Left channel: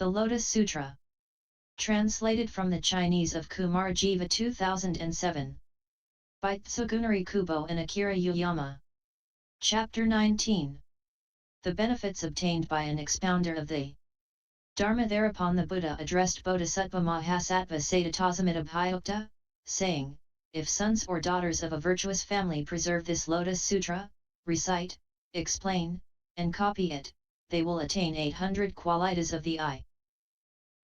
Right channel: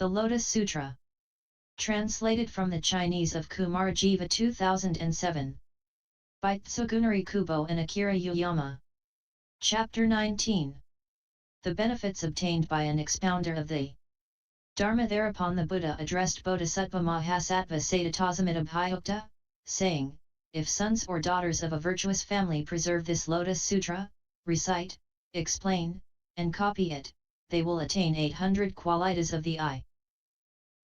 The Lotus Sutra. Translated from the Chinese of Kumar Jiva 2007. By Tsugunari Kubo and Akira Yuyama. Chapter 19. The benefits obtained by an expounder of the Dharma. Thereupon the Buddha addressed Bodhisattva Mahasattva Satatasamita-bhiyukta, saying, if sons or daughters of a virtuous family preserve this Lotus Sutra, recite, explain, and copy it, they will attain 800 qualities of the eye,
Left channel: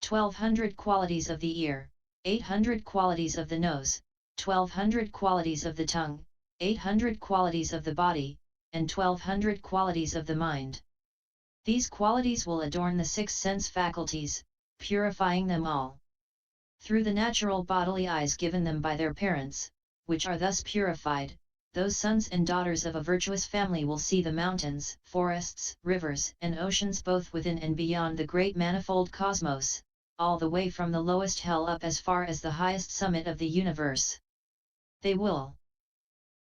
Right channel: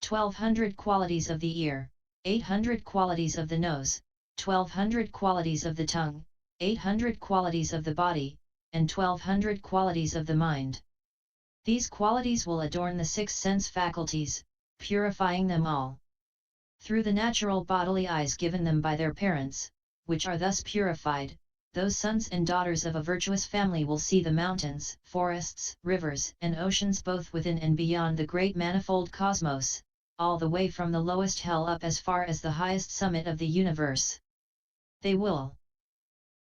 1200 qualities of the ear, 800 qualities of the nose, 1200 qualities of the tongue, 800 qualities of the body, and 1200 qualities of the mind. These qualities will adorn the 6 sense faculties, purifying them all. Through the natural bodily eyes given them by their parents, which are thus purified, those sons and daughters of a virtuous family will see the mountains, forests, rivers, and oceans both within and beyond the great manifold cosmos, all the way from the lowest hell up as far as the highest summit of the universe. They will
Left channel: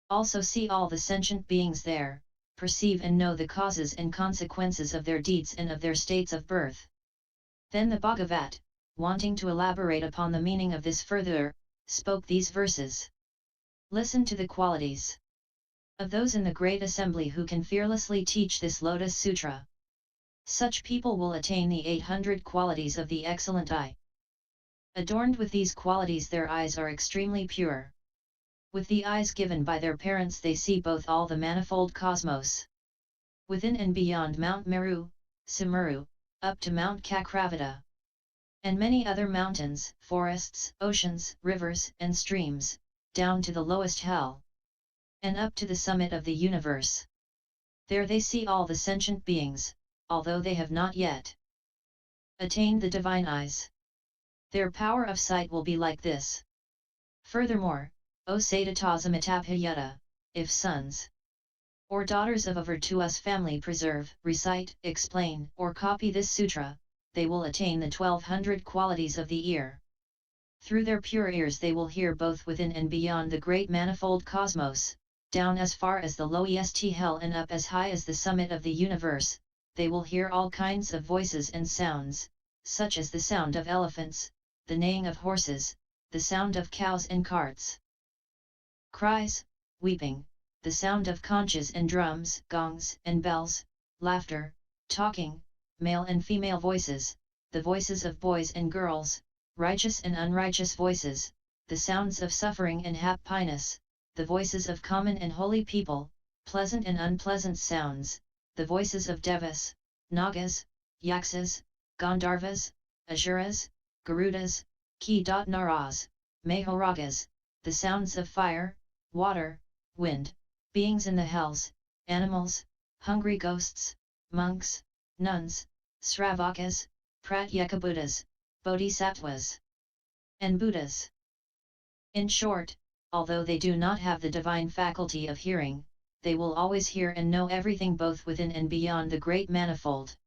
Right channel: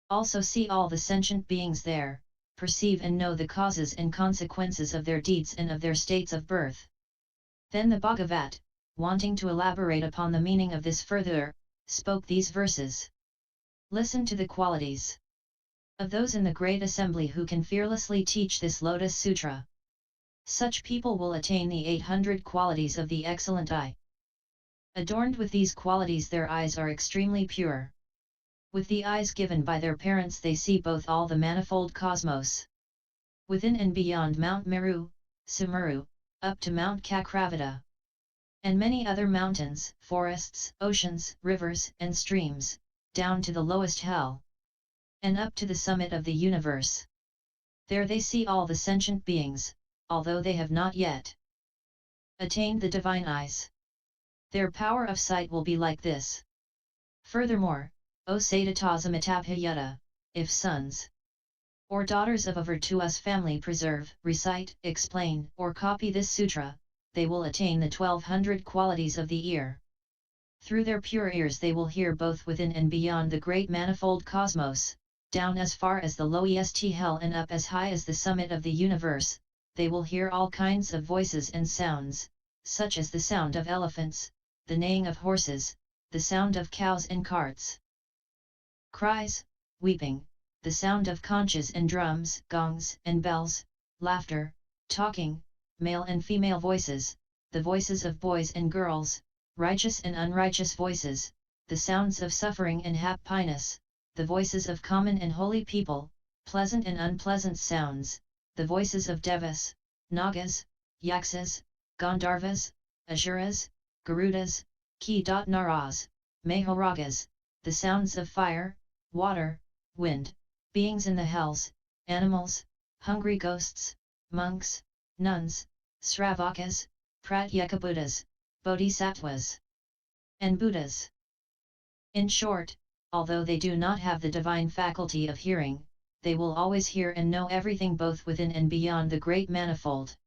also see all the sentient beings there, perceive and know the causes and consequences of their deeds and of their states of birth. Then the Bhagavat, wanting to elaborate upon the meaning of this further, spoke these verses. Listen to the qualities of those in the great assembly who can fearlessly teach this Lotus Sutra. Such people will attain the 800 qualities of the excellent eye. Adorned with these qualities, their eyes are extremely pure. With the eyes given by their parents, they see both all the manifold cosmos, within and beyond Mount Meru, Sumeru, up to Mount Kakravata, and many other mountains, forests, oceans, rivers, and streams, down to the lowest hell, and up to the summit of the universe. There they see all the sentient beings, although they have not yet attained the divine eyes. Their power of sight will be like this. Furthermore, O Satatasamita-bhiyukta, if sons or daughters of a virtuous family preserve, recite, explain, or copy this sutra, they will attain the 1200 qualities of the ear. Through their pure ears they will hear both within and beyond the great manifold cosmos, down as far as the lowest hell and up as high as the summit of the universe. They will hear all kinds of voices and sounds, such as the sound of elephants, the neighing of horses, the sound of cows and carts, cries, weeping, the sound of conches and drums, gongs and bells, laughter, talking, male and female voices, the voices of boys and girls, righteous and unrighteous voices, the sounds of suffering and happiness, the voices of common and holy people, pleasant and unpleasant sounds, the voices of devas, nagas, yaksas, gandharvas, asuras, garudas, ki-naras, mahoragas, the sounds of fire, water, wind, beings in the hells, animals, hungry ghosts, monks, nuns, sravakas, pratyekabuddhas, bodhisattvas, and buddhas. In short, although they do not have the divine faculty of hearing, they will always hear and know everything both within and beyond the great manifold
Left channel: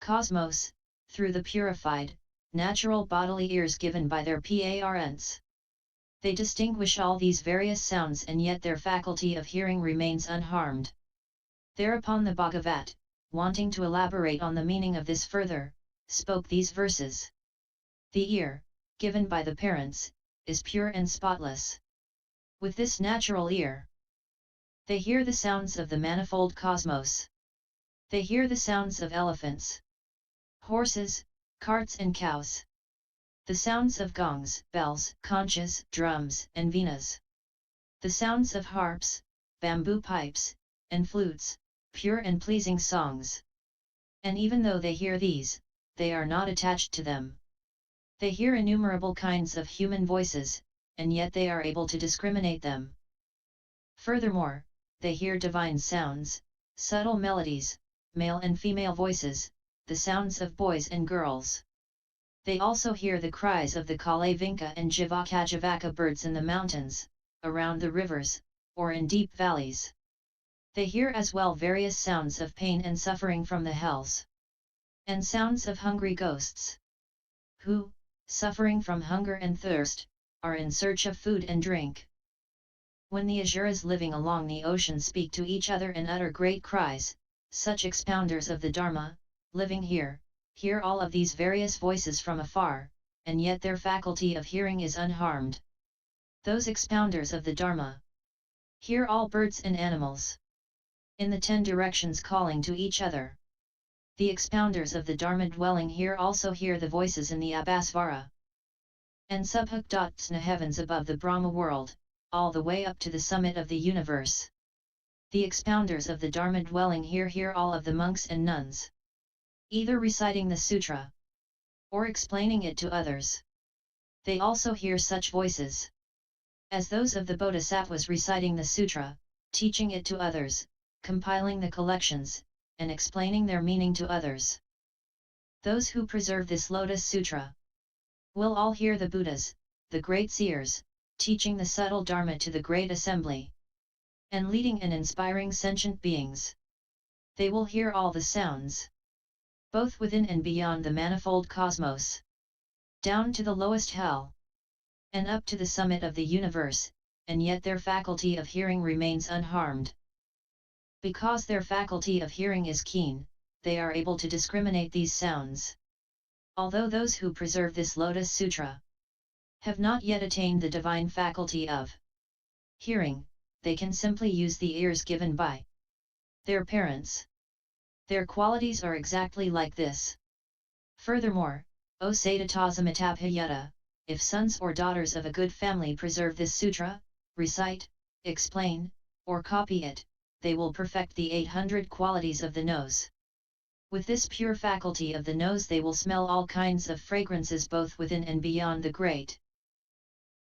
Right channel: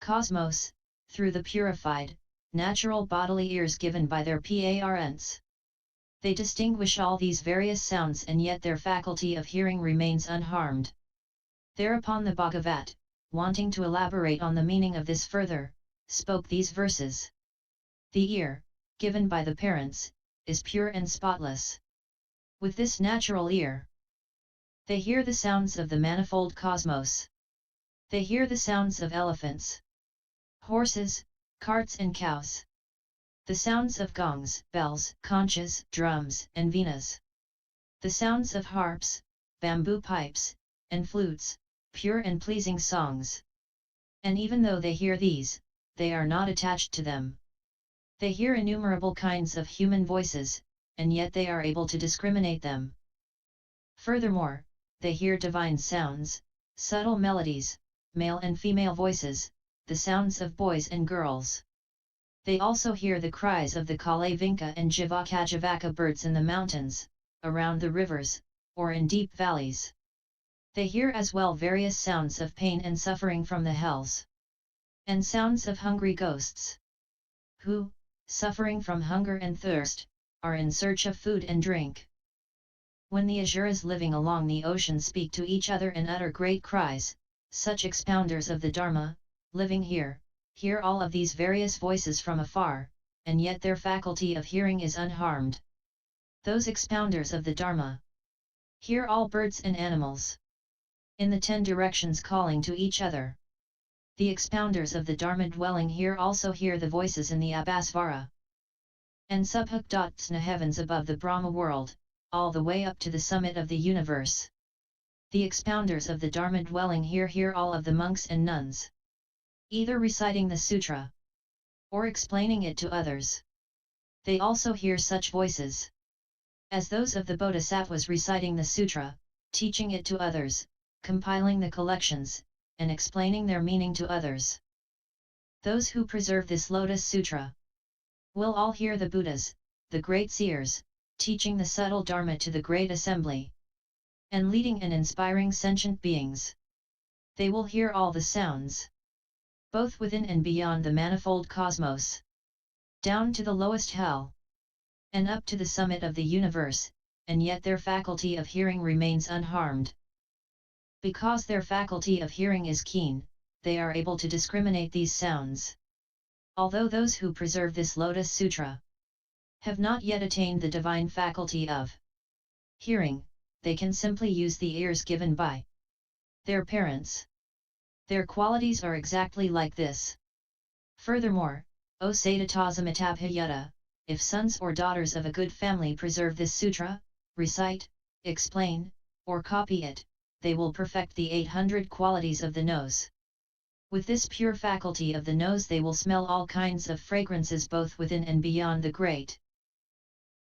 cosmos, through the purified, natural bodily ears given by their parents. They distinguish all these various sounds, and yet their faculty of hearing remains unharmed. Thereupon the Bhagavat, wanting to elaborate on the meaning of this further, spoke these verses. The ear, given by the parents, is pure and spotless. With this natural ear, they hear the sounds of the manifold cosmos. They hear the sounds of elephants, horses, carts and cows, the sounds of gongs, bells, conches, drums, and veenas, the sounds of harps, bamboo pipes, and flutes, pure and pleasing songs. And even though they hear these, they are not attached to them. They hear innumerable kinds of human voices, and yet they are able to discriminate them. Furthermore, they hear divine sounds, subtle melodies, male and female voices, the sounds of boys and girls. They also hear the cries of the Kalavinka and Jivaka birds in the mountains, around the rivers, or in deep valleys. They hear as well various sounds of pain and suffering from the hells, and sounds of hungry ghosts, who, suffering from hunger and thirst, are in search of food and drink. When the asuras living along the ocean speak to each other and utter great cries, such expounders of the Dharma, living here, hear all of these various voices from afar, and yet their faculty of hearing is unharmed. Those expounders of the Dharma hear all birds and animals in the 10 directions calling to each other. The expounders of the Dharma dwelling here also hear the voices in the Abhasvara and Subhuktatna heavens above the Brahma world, all the way up to the summit of the universe. The expounders of the Dharma dwelling here hear all of the monks and nuns, either reciting the sutra or explaining it to others. They also hear such voices as those of the Bodhisattvas reciting the sutra, teaching it to others, compiling the collections, and explaining their meaning to others. Those who preserve this Lotus Sutra will all hear the Buddhas, the great seers, teaching the subtle Dharma to the great assembly, and leading and inspiring sentient beings. They will hear all the sounds, both within and beyond the manifold cosmos, down to the lowest hell, and up to the summit of the universe, and yet their faculty of hearing remains unharmed. Because their faculty of hearing is keen, they are able to discriminate these sounds. Although those who preserve this Lotus Sutra have not yet attained the divine faculty of hearing, they can simply use the ears given by their parents. Their qualities are exactly like this. Furthermore, O Satatasamita-bhiyukta, if sons or daughters of a good family preserve this sutra, recite, explain, or copy it, they will perfect the 800 qualities of the nose. With this pure faculty of the nose they will smell all kinds of fragrances both within and beyond the great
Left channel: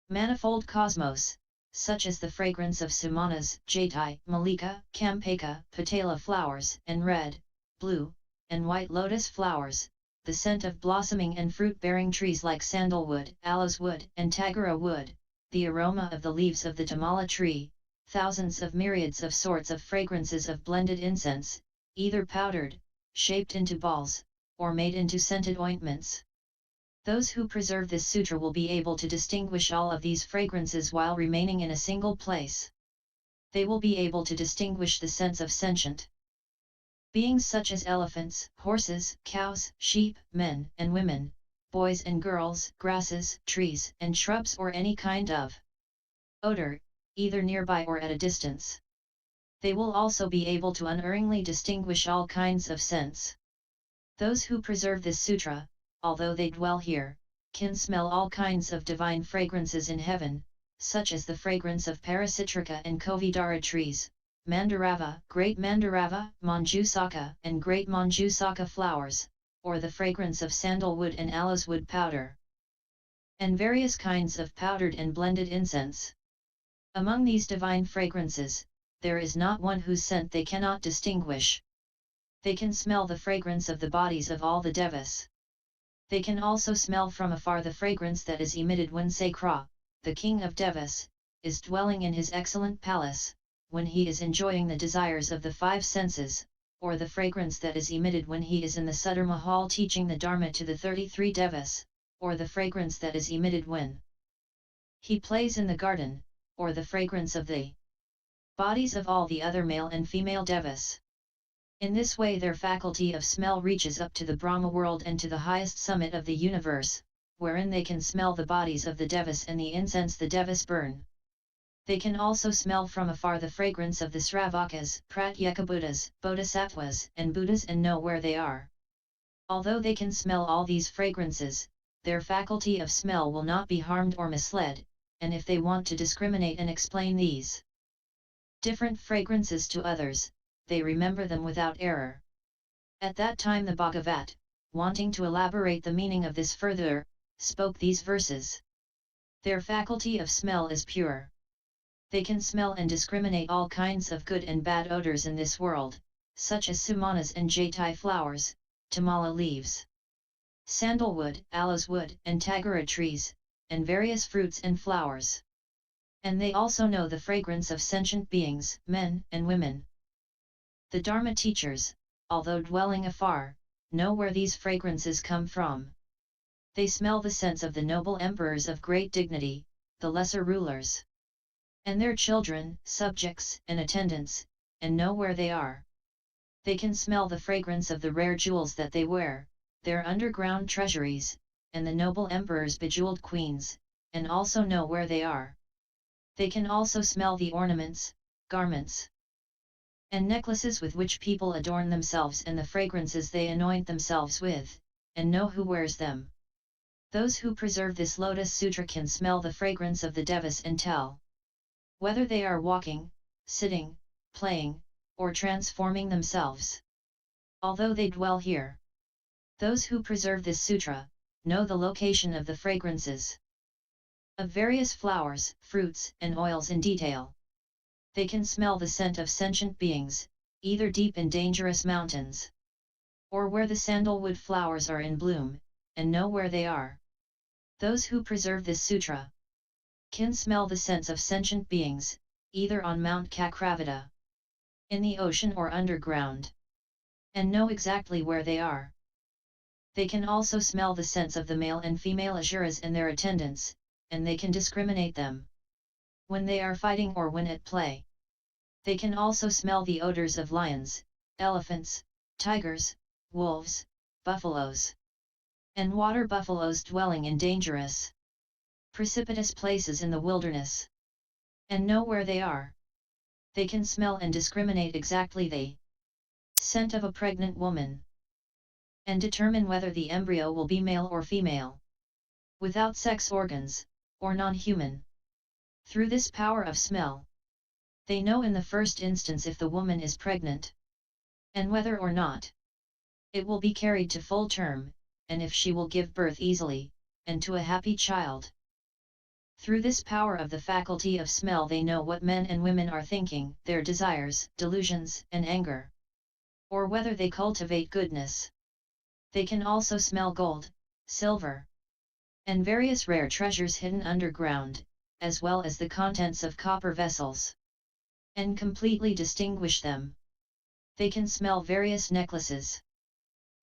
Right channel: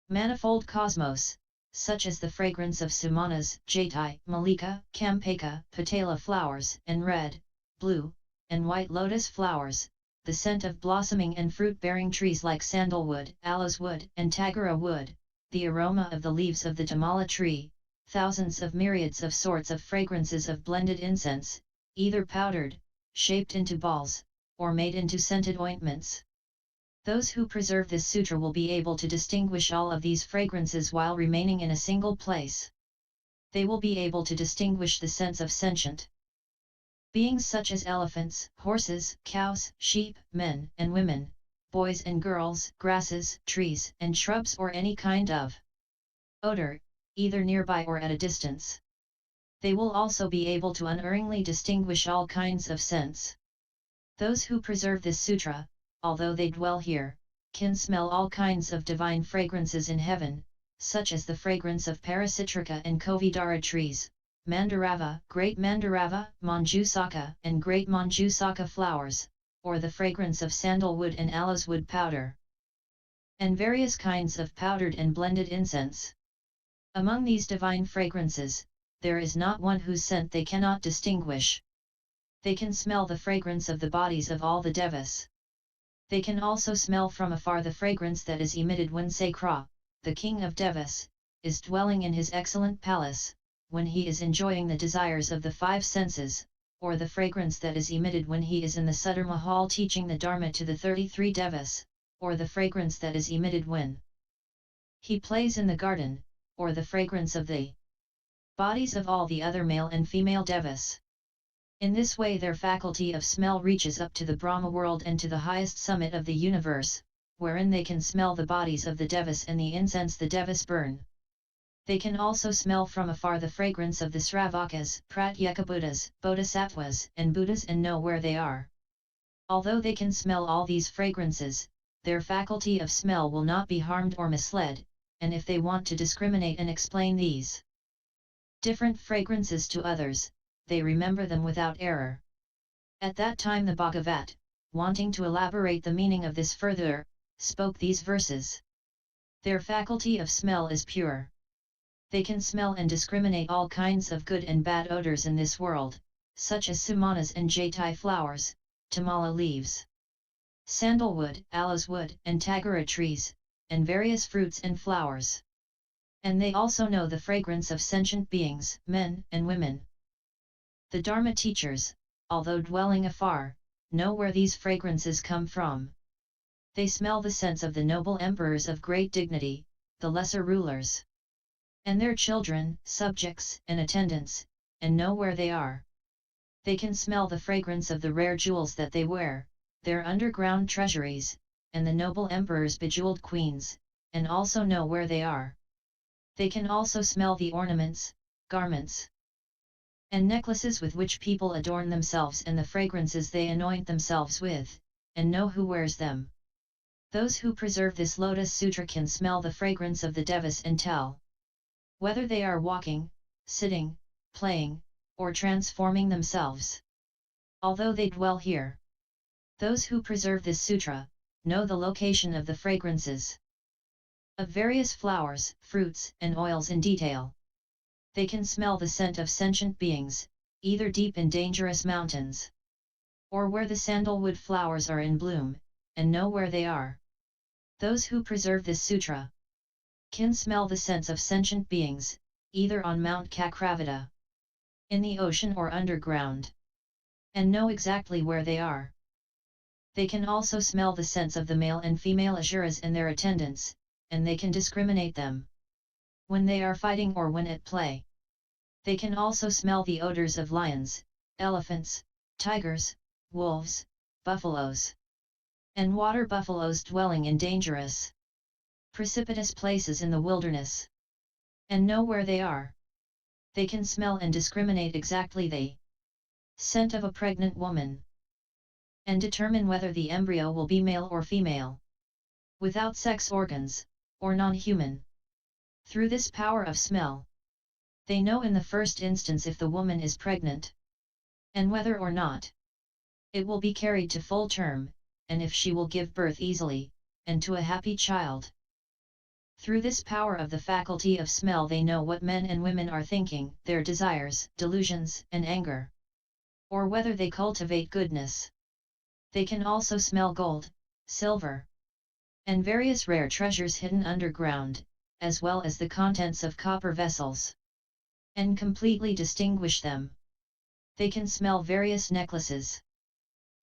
manifold cosmos, such as the fragrance of sumanas, jaitai, malika, campaka, patala flowers, and red, blue, and white lotus flowers, the scent of blossoming and fruit-bearing trees like sandalwood, aloes wood, and tagara wood, the aroma of the leaves of the tamala tree, thousands of myriads of sorts of fragrances of blended incense, either powdered, shaped into balls, or made into scented ointments. Those who preserve this sutra will be able to distinguish all of these fragrances while remaining in a single place. They will be able to distinguish the scents of sentient beings such as elephants, horses, cows, sheep, men and women, boys and girls, grasses, trees and shrubs, or any kind of odor, either nearby or at a distance. They will also be able to unerringly distinguish all kinds of scents. Those who preserve this sutra, although they dwell here, can smell all kinds of divine fragrances in heaven, such as the fragrance of Parasitrika and Kovidara trees, Mandarava, Great Mandarava, Manjusaka and Great Manjusaka flowers, or the fragrance of sandalwood and aloes wood powder, and various kinds of powdered and blended incense. Among these divine fragrances, there is not one whose scent they cannot distinguish. They can smell the fragrance of the bodies of all the devas. They can also smell from afar the fragrance that is emitted when Sakra, the king of devas, is dwelling in his excellent palace, when he is enjoying the desires of the 5 senses, or the fragrance that is emitted when he is in the Sudar Mahal teaching the Dharma to the 33 devas, or the fragrance that is emitted when he plays in the garden, or the fragrance of the bodies of all the other male and female devas. In this way their faculty of smell reaches up to the Brahma world and to the highest summit of the universe, wherein they can smell the bodies of the devas and the incense the devas burn. They can also smell from afar the fragrance of the Sravakas, Pratyekabuddhas, Bodhisattvas, and Buddhas and know where they are. Although they can smell all these fragrances, their faculty of smell will not be harmed or misled, and if they want to discriminate and explain these different fragrances to others, they remember them without error. At that time the Bhagavat, wanting to elaborate the meaning of this further, spoke these verses. Their faculty of smell is pure. They can smell and discriminate all kinds of good and bad odors in this world, such as sumanas and jaitai flowers, tamala leaves, sandalwood, aloes wood, and tagara trees, and various fruits and flowers. And they also know the fragrance of sentient beings, men and women. The Dharma teachers, although dwelling afar, know where these fragrances come from. They smell the scents of the noble emperors of great dignity, the lesser rulers, and their children, subjects, and attendants, and know where they are. They can smell the fragrance of the rare jewels that they wear, their underground treasuries, and the noble emperor's bejeweled queens, and also know where they are. They can also smell the ornaments, garments, and necklaces with which people adorn themselves and the fragrances they anoint themselves with, and know who wears them. Those who preserve this Lotus Sutra can smell the fragrance of the devas and tell whether they are walking, sitting, playing, or transforming themselves. Although they dwell here, those who preserve this sutra know the location of the fragrances of various flowers, fruits, and oils in detail. They can smell the scent of sentient beings, either deep in dangerous mountains, or where the sandalwood flowers are in bloom, and know where they are. Those who preserve this sutra can smell the scents of sentient beings, either on Mount Kakravata, in the ocean or underground, and know exactly where they are. They can also smell the scents of the male and female asuras and their attendants, and they can discriminate them when they are fighting or when at play. They can also smell the odors of lions, elephants, tigers, wolves, buffaloes, and water buffaloes dwelling in dangerous, precipitous places in the wilderness, and know where they are. They can smell and discriminate exactly the scent of a pregnant woman, and determine whether the embryo will be male or female, without sex organs, or non-human. Through this power of smell, they know in the first instance if the woman is pregnant, and whether or not it will be carried to full term, and if she will give birth easily, and to a happy child. Through this power of the faculty of smell they know what men and women are thinking, their desires, delusions, and anger, or whether they cultivate goodness. They can also smell gold, silver, and various rare treasures hidden underground, as well as the contents of copper vessels, and completely distinguish them. They can smell various necklaces,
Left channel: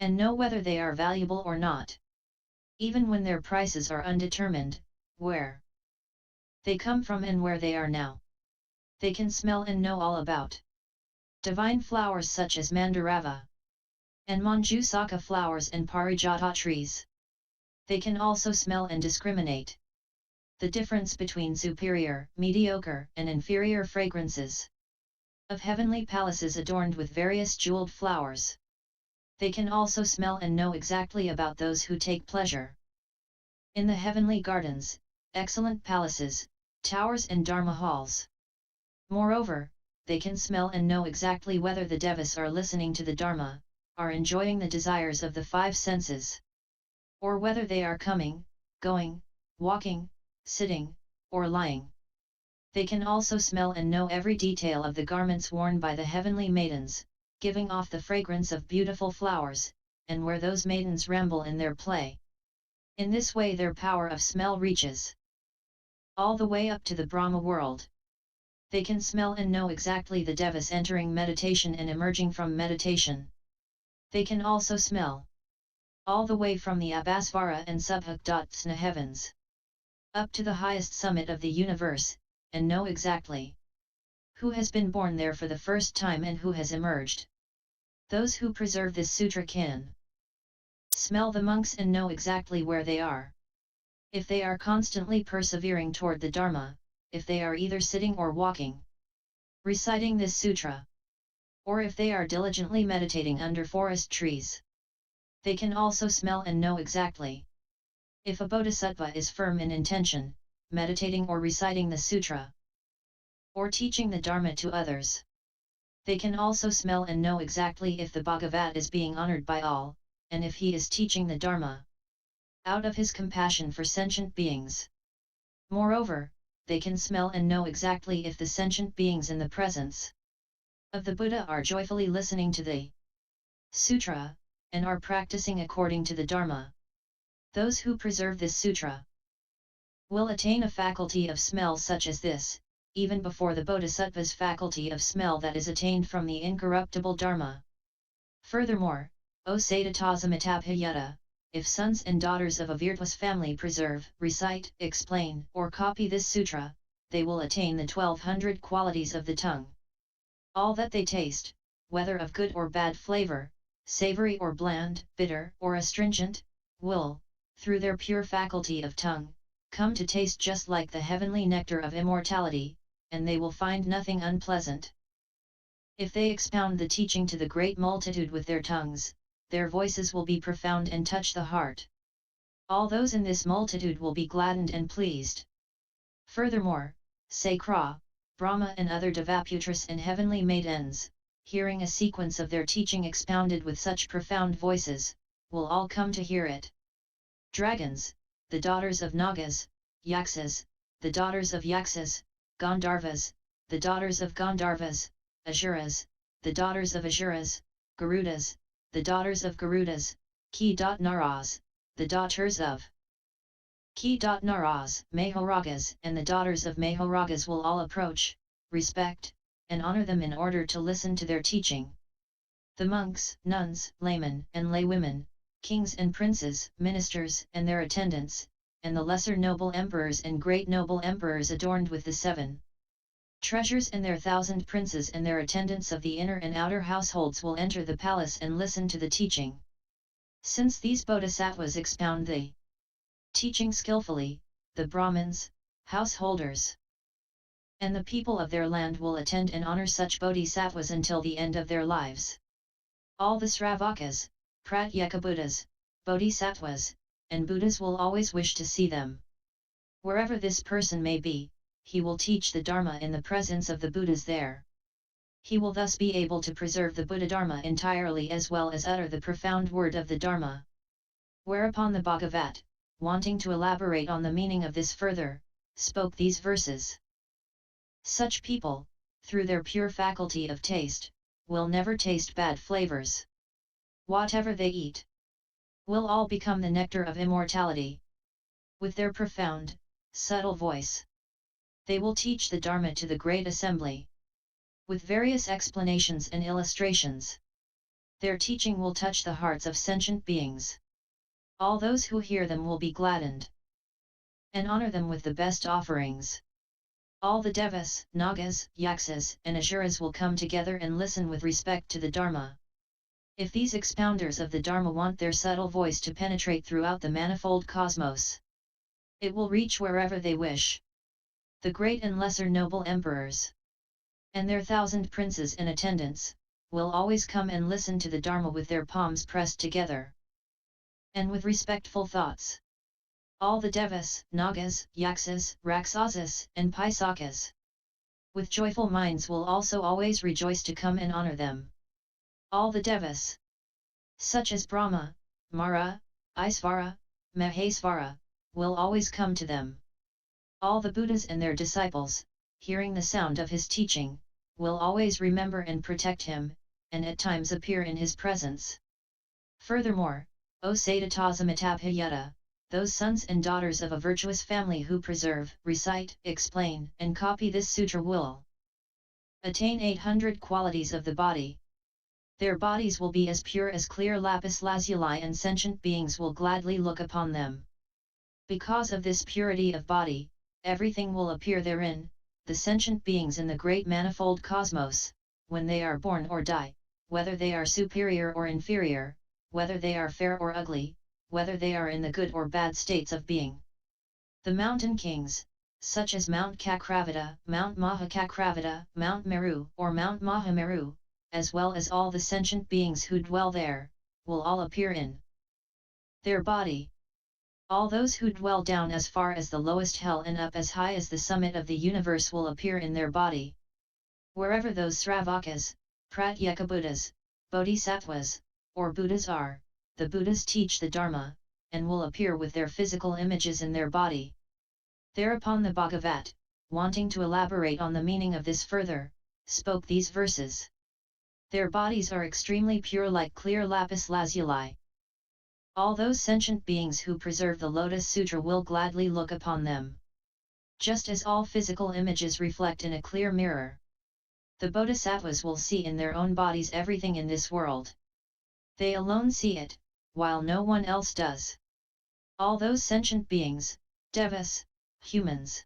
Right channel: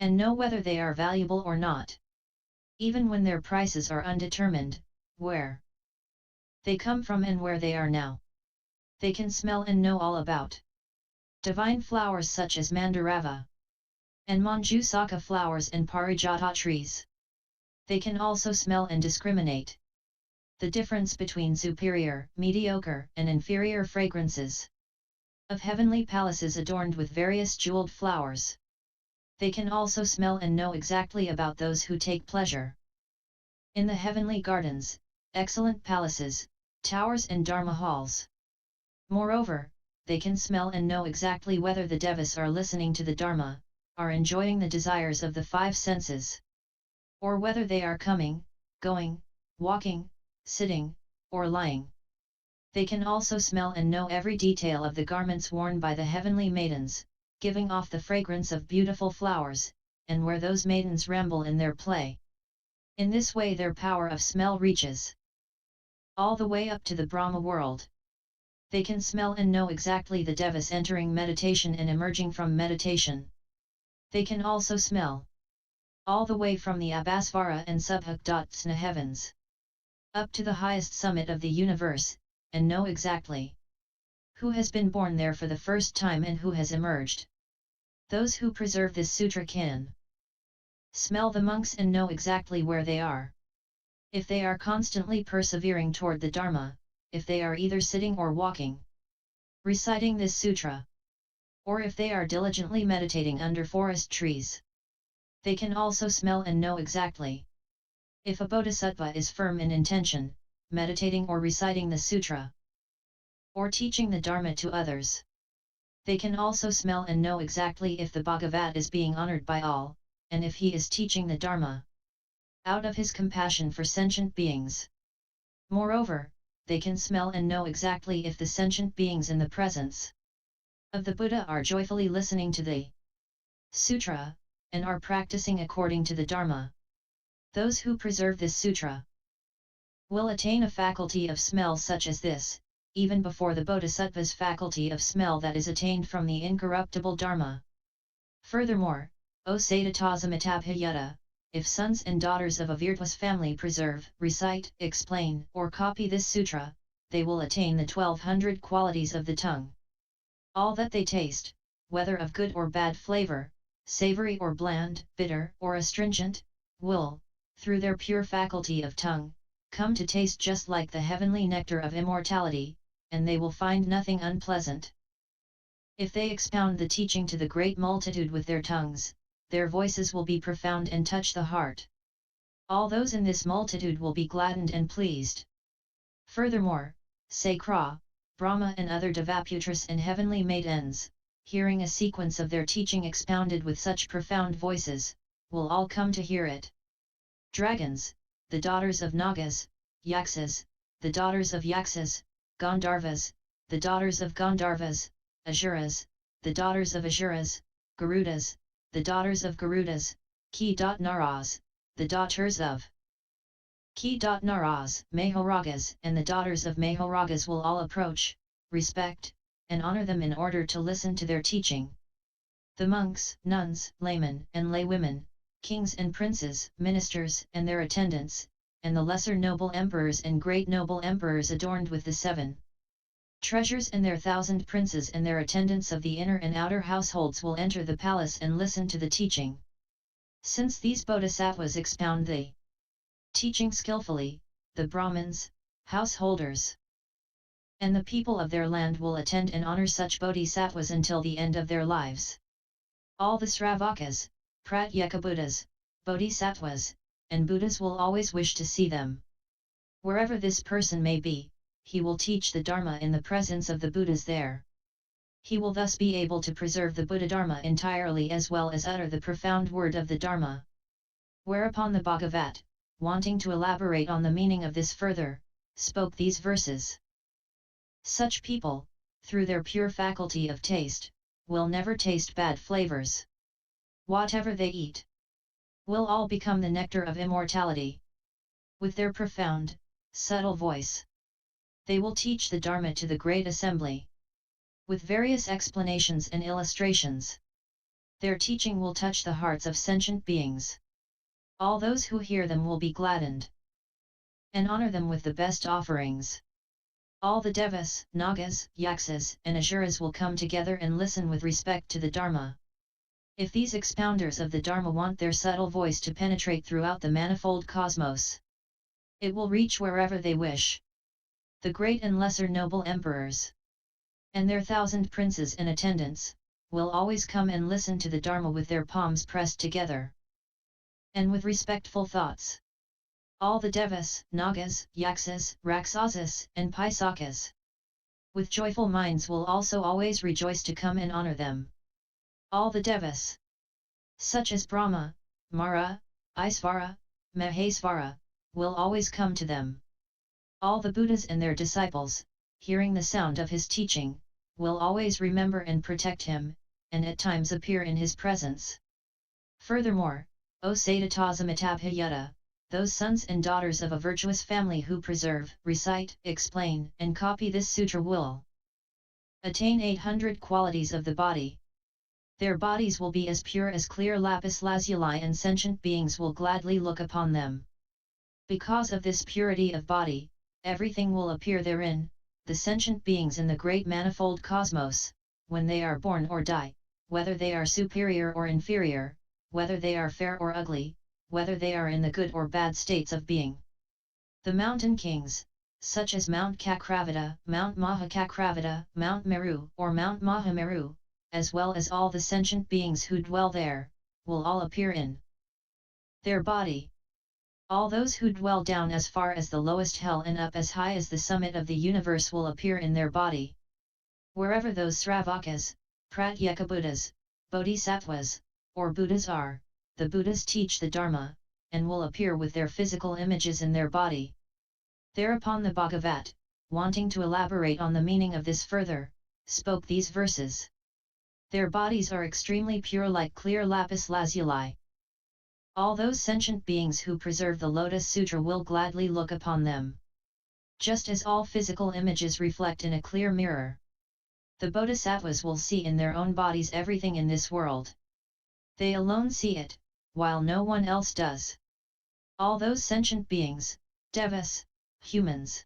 and know whether they are valuable or not, even when their prices are undetermined, where they come from and where they are now. They can smell and know all about divine flowers such as Mandarava and Manjusaka flowers and Parijata trees. They can also smell and discriminate the difference between superior, mediocre, and inferior fragrances of heavenly palaces adorned with various jeweled flowers. They can also smell and know exactly about those who take pleasure in the heavenly gardens, excellent palaces, towers and dharma halls. Moreover, they can smell and know exactly whether the devas are listening to the dharma, are enjoying the desires of the five senses, or whether they are coming, going, walking, sitting, or lying. They can also smell and know every detail of the garments worn by the heavenly maidens, giving off the fragrance of beautiful flowers, and where those maidens ramble in their play. In this way their power of smell reaches all the way up to the Brahma world. They can smell and know exactly the devas entering meditation and emerging from meditation. They can also smell all the way from the Abhasvara and Subhaktatsna heavens up to the highest summit of the universe, and know exactly who has been born there for the first time and who has emerged. Those who preserve this sutra can smell the monks and know exactly where they are. If they are constantly persevering toward the Dharma, if they are either sitting or walking, reciting this sutra, or if they are diligently meditating under forest trees. They can also smell and know exactly if a Bodhisattva is firm in intention, meditating or reciting the sutra, or teaching the Dharma to others. They can also smell and know exactly if the Bhagavat is being honored by all, and if he is teaching the Dharma out of his compassion for sentient beings. Moreover, they can smell and know exactly if the sentient beings in the presence of the Buddha are joyfully listening to the sutra, and are practicing according to the Dharma. Those who preserve this sutra will attain a faculty of smell such as this, even before the Bodhisattva's faculty of smell that is attained from the incorruptible Dharma. Furthermore, O Satatasamita-bhiyukta, if sons and daughters of a virtuous family preserve, recite, explain, or copy this sutra, they will attain the 1200 qualities of the tongue. All that they taste, whether of good or bad flavor, savory or bland, bitter or astringent, will, through their pure faculty of tongue, come to taste just like the heavenly nectar of immortality, and they will find nothing unpleasant. If they expound the teaching to the great multitude with their tongues, their voices will be profound and touch the heart. All those in this multitude will be gladdened and pleased. Furthermore, Sakra, Brahma and other Devaputras and heavenly maidens, hearing a sequence of their teaching expounded with such profound voices, will all come to hear it. Dragons, the daughters of Nagas, Yaksas, the daughters of Yaksas, Gandharvas, the daughters of Gandharvas, Asuras, the daughters of Asuras, Garudas, the daughters of Garudas, Ki-Naras, the daughters of Ki-Naras, Mahoragas and the daughters of Mahoragas will all approach, respect, and honor them in order to listen to their teaching. The monks, nuns, laymen and laywomen, kings and princes, ministers and their attendants, and the lesser noble emperors and great noble emperors adorned with the 7 treasures and their 1,000 princes and their attendants of the inner and outer households will enter the palace and listen to the teaching. Since these bodhisattvas expound the teaching skillfully, the Brahmins, householders, and the people of their land will attend and honor such bodhisattvas until the end of their lives. All the Sravakas, Pratyekabuddhas, bodhisattvas, and Buddhas will always wish to see them. Wherever this person may be, he will teach the Dharma in the presence of the Buddhas there. He will thus be able to preserve the Buddha Dharma entirely as well as utter the profound word of the Dharma. Whereupon the Bhagavat, wanting to elaborate on the meaning of this further, spoke these verses. Such people, through their pure faculty of taste, will never taste bad flavors. Whatever they eat will all become the nectar of immortality. With their profound, subtle voice, they will teach the Dharma to the great assembly. With various explanations and illustrations, their teaching will touch the hearts of sentient beings. All those who hear them will be gladdened and honor them with the best offerings. All the Devas, Nagas, Yaksas and Asuras will come together and listen with respect to the Dharma. If these expounders of the Dharma want their subtle voice to penetrate throughout the manifold cosmos, it will reach wherever they wish. The great and lesser noble emperors, and their 1,000 princes and attendants, will always come and listen to the Dharma with their palms pressed together, and with respectful thoughts. All the Devas, Nagas, Yaksas, Rakshasas, and Paisakas, with joyful minds will also always rejoice to come and honor them. All the Devas, such as Brahma, Mara, Isvara, Mahesvara, will always come to them. All the Buddhas and their disciples, hearing the sound of his teaching, will always remember and protect him, and at times appear in his presence. Furthermore, O Satatasamita-bhiyukta, those sons and daughters of a virtuous family who preserve, recite, explain, and copy this sutra will attain 800 qualities of the body. Their bodies will be as pure as clear lapis lazuli and sentient beings will gladly look upon them. Because of this purity of body, everything will appear therein, the sentient beings in the great manifold cosmos, when they are born or die, whether they are superior or inferior, whether they are fair or ugly, whether they are in the good or bad states of being. The mountain kings, such as Mount Kakravata, Mount Mahakakravata, Mount Meru or Mount Mahameru, as well as all the sentient beings who dwell there, will all appear in their body. All those who dwell down as far as the lowest hell and up as high as the summit of the universe will appear in their body. Wherever those Sravakas, Pratyekabuddhas, Bodhisattvas, or Buddhas are, the Buddhas teach the Dharma, and will appear with their physical images in their body. Thereupon the Bhagavat, wanting to elaborate on the meaning of this further, spoke these verses. Their bodies are extremely pure like clear lapis lazuli. All those sentient beings who preserve the Lotus Sutra will gladly look upon them. Just as all physical images reflect in a clear mirror, the Bodhisattvas will see in their own bodies everything in this world. They alone see it, while no one else does. All those sentient beings, devas, humans,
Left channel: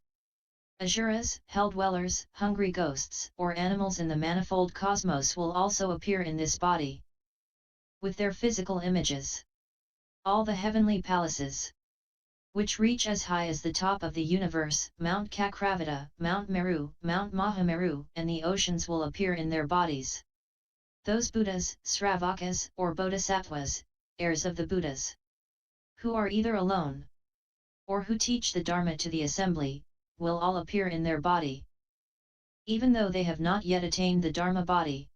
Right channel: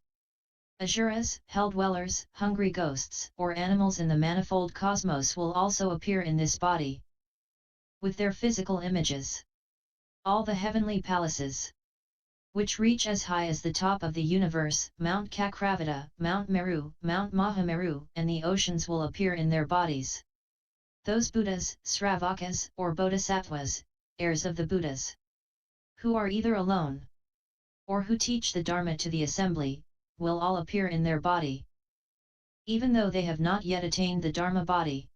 asuras, hell-dwellers, hungry ghosts, or animals in the manifold cosmos will also appear in this body. with their physical images. All the heavenly palaces, which reach as high as the top of the universe, Mount Kakravata, Mount Meru, Mount Mahameru, and the oceans will appear in their bodies. Those Buddhas, Sravakas, or Bodhisattvas, heirs of the Buddhas, who are either alone, or who teach the Dharma to the assembly, will all appear in their body. Even though they have not yet attained the Dharma body,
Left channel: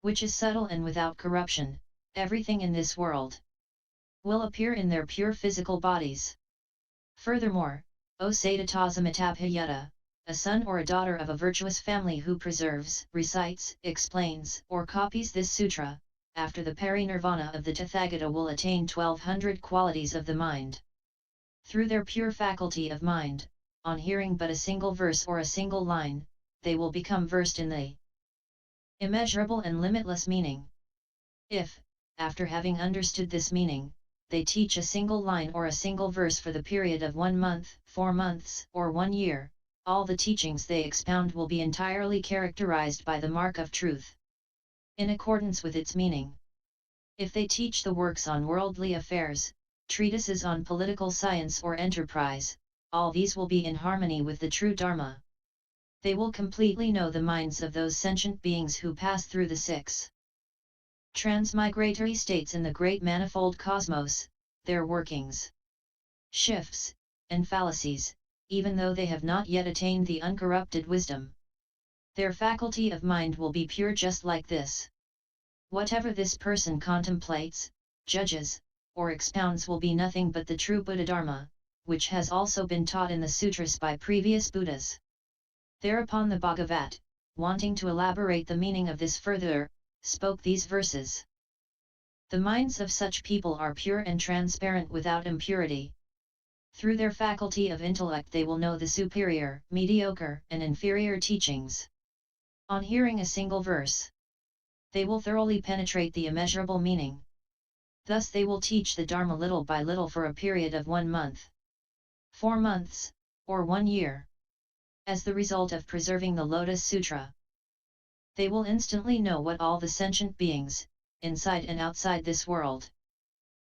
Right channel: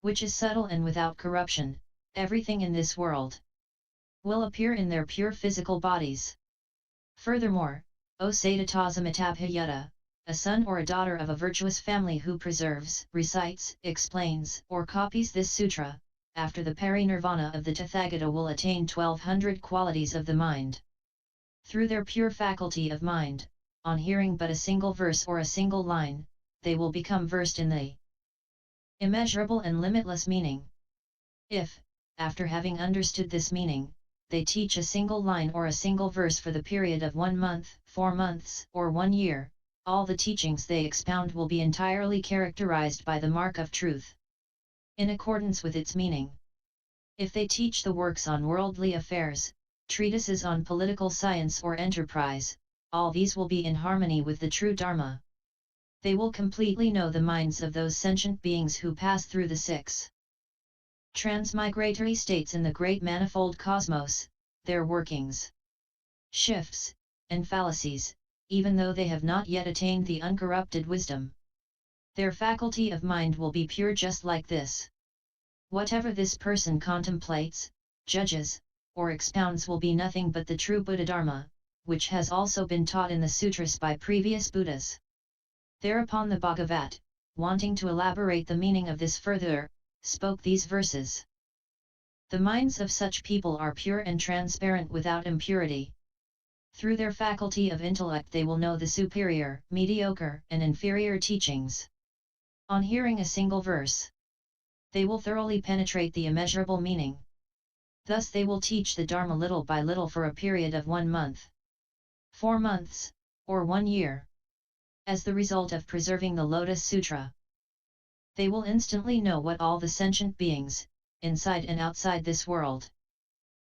which is subtle and without corruption, everything in this world will appear in their pure physical bodies. Furthermore, O Satatasamita-bhiyukta, a son or a daughter of a virtuous family who preserves, recites, explains, or copies this sutra, after the parinirvana of the Tathagata will attain 1200 qualities of the mind. Through their pure faculty of mind, on hearing but a single verse or a single line, they will become versed in the immeasurable and limitless meaning. If, after having understood this meaning, they teach a single line or a single verse for the period of 1 month, 4 months, or 1 year, all the teachings they expound will be entirely characterized by the mark of truth, in accordance with its meaning. If they teach the works on worldly affairs, treatises on political science or enterprise, all these will be in harmony with the true Dharma. They will completely know the minds of those sentient beings who pass through the 6 transmigratory states in the great manifold cosmos, their workings, shifts, and fallacies, even though they have not yet attained the uncorrupted wisdom. Their faculty of mind will be pure just like this. Whatever this person contemplates, judges, or expounds will be nothing but the true Buddha Dharma, which has also been taught in the sutras by previous Buddhas. Thereupon the Bhagavat, wanting to elaborate the meaning of this further, spoke these verses. The minds of such people are pure and transparent without impurity. Through their faculty of intellect they will know the superior, mediocre, and inferior teachings. On hearing a single verse, they will thoroughly penetrate the immeasurable meaning. Thus they will teach the Dharma little by little for a period of 1 month, 4 months, or 1 year. As the result of preserving the Lotus Sutra, they will instantly know what all the sentient beings, inside and outside this world,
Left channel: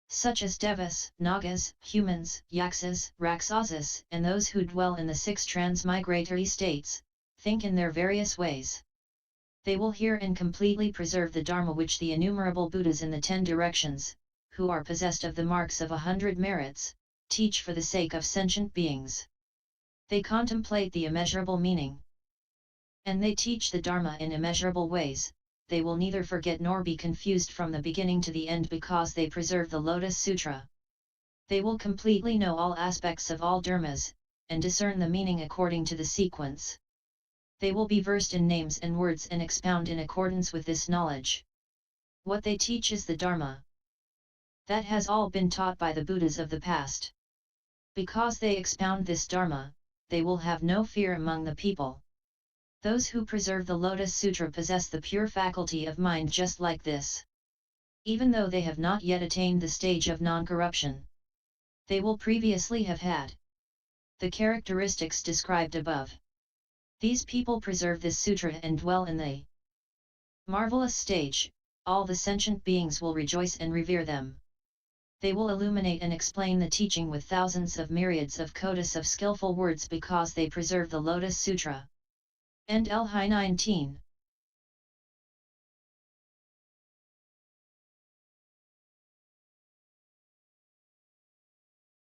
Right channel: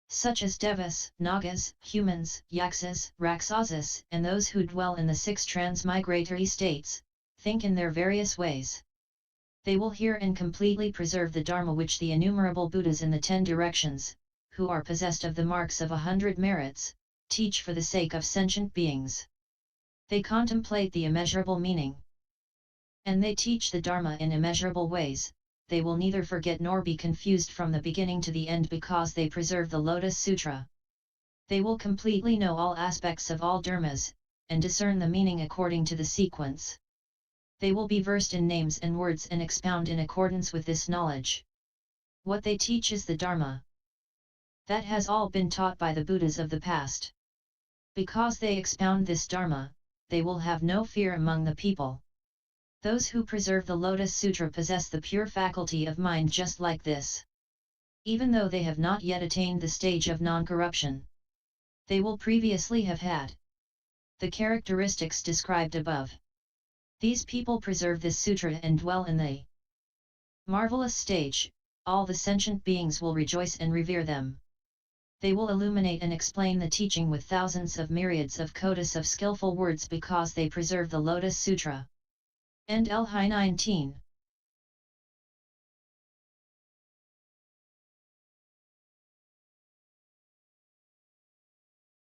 such as Devas, Nagas, humans, Yaksas, Rakshasas, and those who dwell in the 6 transmigratory states, think in their various ways. They will hear and completely preserve the Dharma which the innumerable Buddhas in the 10 directions, who are possessed of the marks of 100 merits, teach for the sake of sentient beings. They contemplate the immeasurable meaning, and they teach the Dharma in immeasurable ways. They will neither forget nor be confused from the beginning to the end because they preserve the Lotus Sutra. They will completely know all aspects of all dharmas, and discern the meaning according to the sequence. They will be versed in names and words and expound in accordance with this knowledge. What they teach is the Dharma that has all been taught by the Buddhas of the past. Because they expound this Dharma, they will have no fear among the people. Those who preserve the Lotus Sutra possess the pure faculty of mind just like this. Even though they have not yet attained the stage of non-corruption, they will previously have had the characteristics described above. These people preserve this sutra and dwell in the marvelous stage. All the sentient beings will rejoice and revere them. They will illuminate and explain the teaching with thousands of myriads of kotis of skillful words because they preserve the Lotus Sutra. End L. 19.